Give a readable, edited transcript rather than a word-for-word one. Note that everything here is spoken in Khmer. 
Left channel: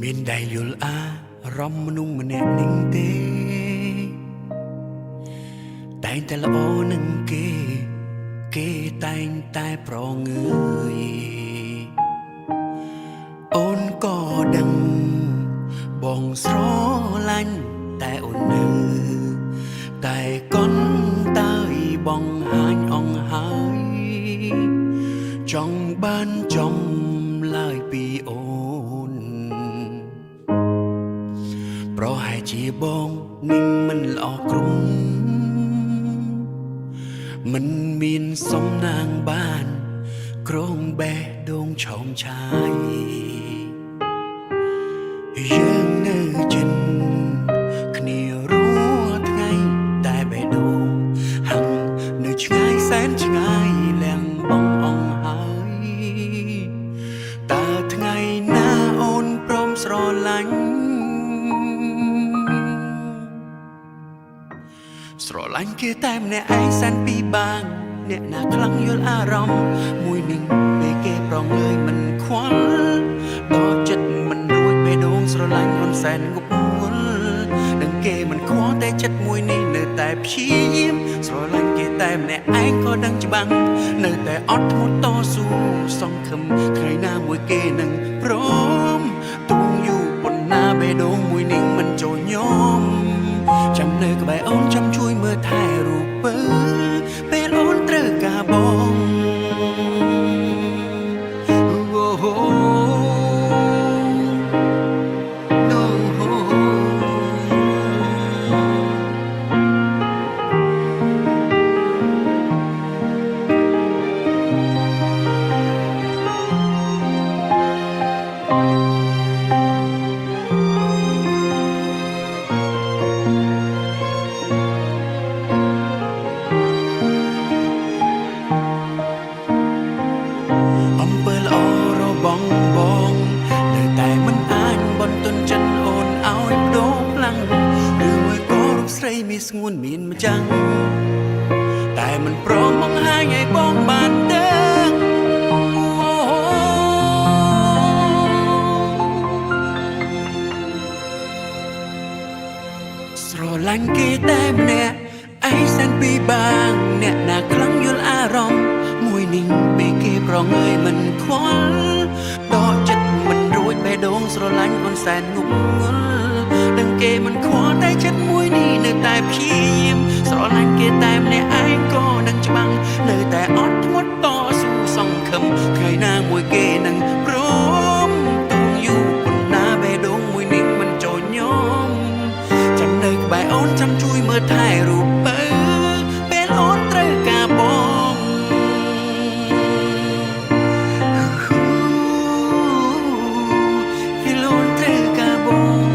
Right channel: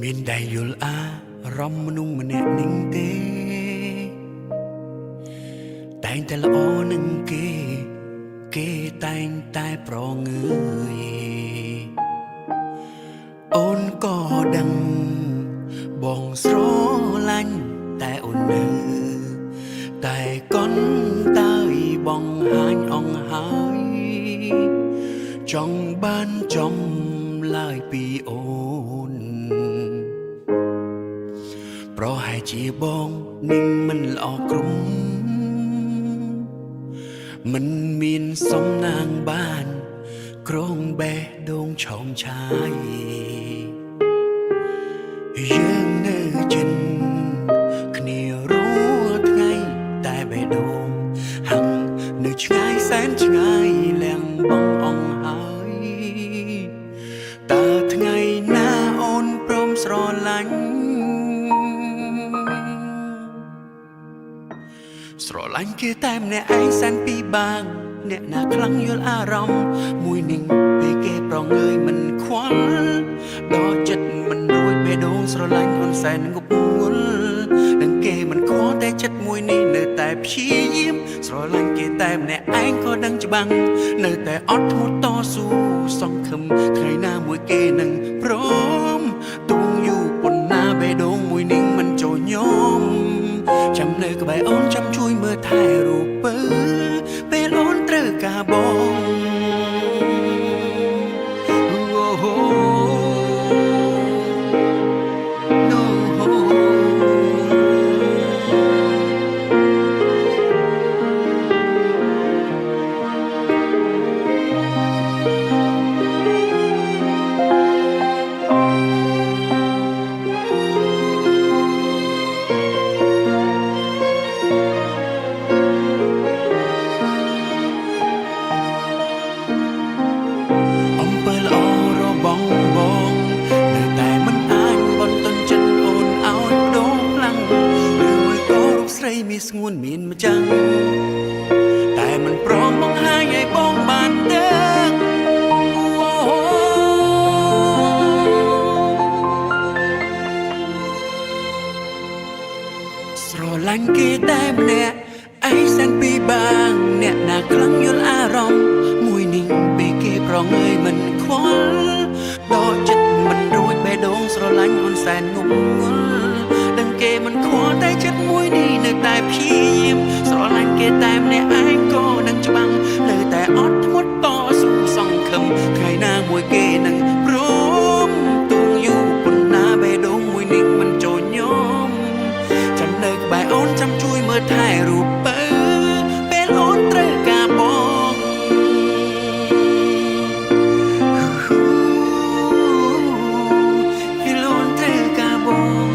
មានដែលយល់អារម្មណ៍មនុស្សម្នាក់នឹងទេតែងតែល្អនឹងគេតែងតែប្រងើយអូនក៏ដឹងបងស្រឡាញ់តែអូននៅតែកុនតើយបងហាញអងហើយចង់បានចំឡើយពីអូនប្រហែលជាបងនឹងមិនល្អក្រុមមិនមានសំណាងបានក្រងបេះដូងឆោមឆាយយើងនៅចិនគ្នារួថ្ងៃតែបេះដូងហាំងនៅឆ្ងាយសែនឆ្ងាយលៀងបងអងហើយតើថ្ងៃណាអូនព្រមស្រឡាញ់គេតែម្នាក់ឯងសែនពីបាងអ្នកណាខ្លាំងយល់អារម្មណ៍មួយនឹងពេលគេប្រងើយមិនខ្វល់ដល់ចិត្តមិនរួចបេះដូងស្រឡាញ់អូនសែនងប់ងល់នឹងគេមិនខ្វល់តែចិត្តមួយនេះនៅតែព្យាយាមស្រឡាញ់គេតែម្នាក់ឯងក៏ដឹងច្បាស់នៅតែអត់ធ្មត់តស៊ូសង្ឃឹមថ្ងៃណាមួយគេនឹងព្រមទូងយូរប៉ុណ្ណាបេះដូងមួយនឹងមិនចូលញោមចាំនៅក្បែរអូនចាំជួយមើលថែរូបពេលអូនត្រូវការបងអំពើល្អបងនៅតែមិនអាចបន្ទន់ចិនអូនឲ្យបដូរខ្លាំងឬមួយក៏រូបស្រីមានស្ងួនមានម្ចាំងតែមិនព្រមបង្ហាញឲ្យបងបានដឹងស្រឡាញ់គេតែម្នាក់ឯងសែនពីបាងអ្នកណាខ្លាំងយល់អារម្មណ៍មួយនឹងពេលគេប្រងើយមិនខ្វល់ដល់ចិត្តមិនរួចបេះដូងស្រឡាញ់អូនសែនងប់ងល់ដឹងគេមិនខ្វល់តែចិត្តមួយនេះនៅតែព្យាយាមស្រឡាញ់គេតែម្នាក់ឯងក៏នឹងច្បាំងនៅតែអត់ធ្មត់តស៊ូសង្ឃឹមថ្ងៃណាមួយគេនឹងព្រមទូងយូរប៉ុណ្ណាបេះដូងមួយនេះមិនចូលញោមចាំនៅក្បែរអូនចាំជួយមើលថែរូបពេលអូនត្រូវការបងពេលអូនត្រូវការបង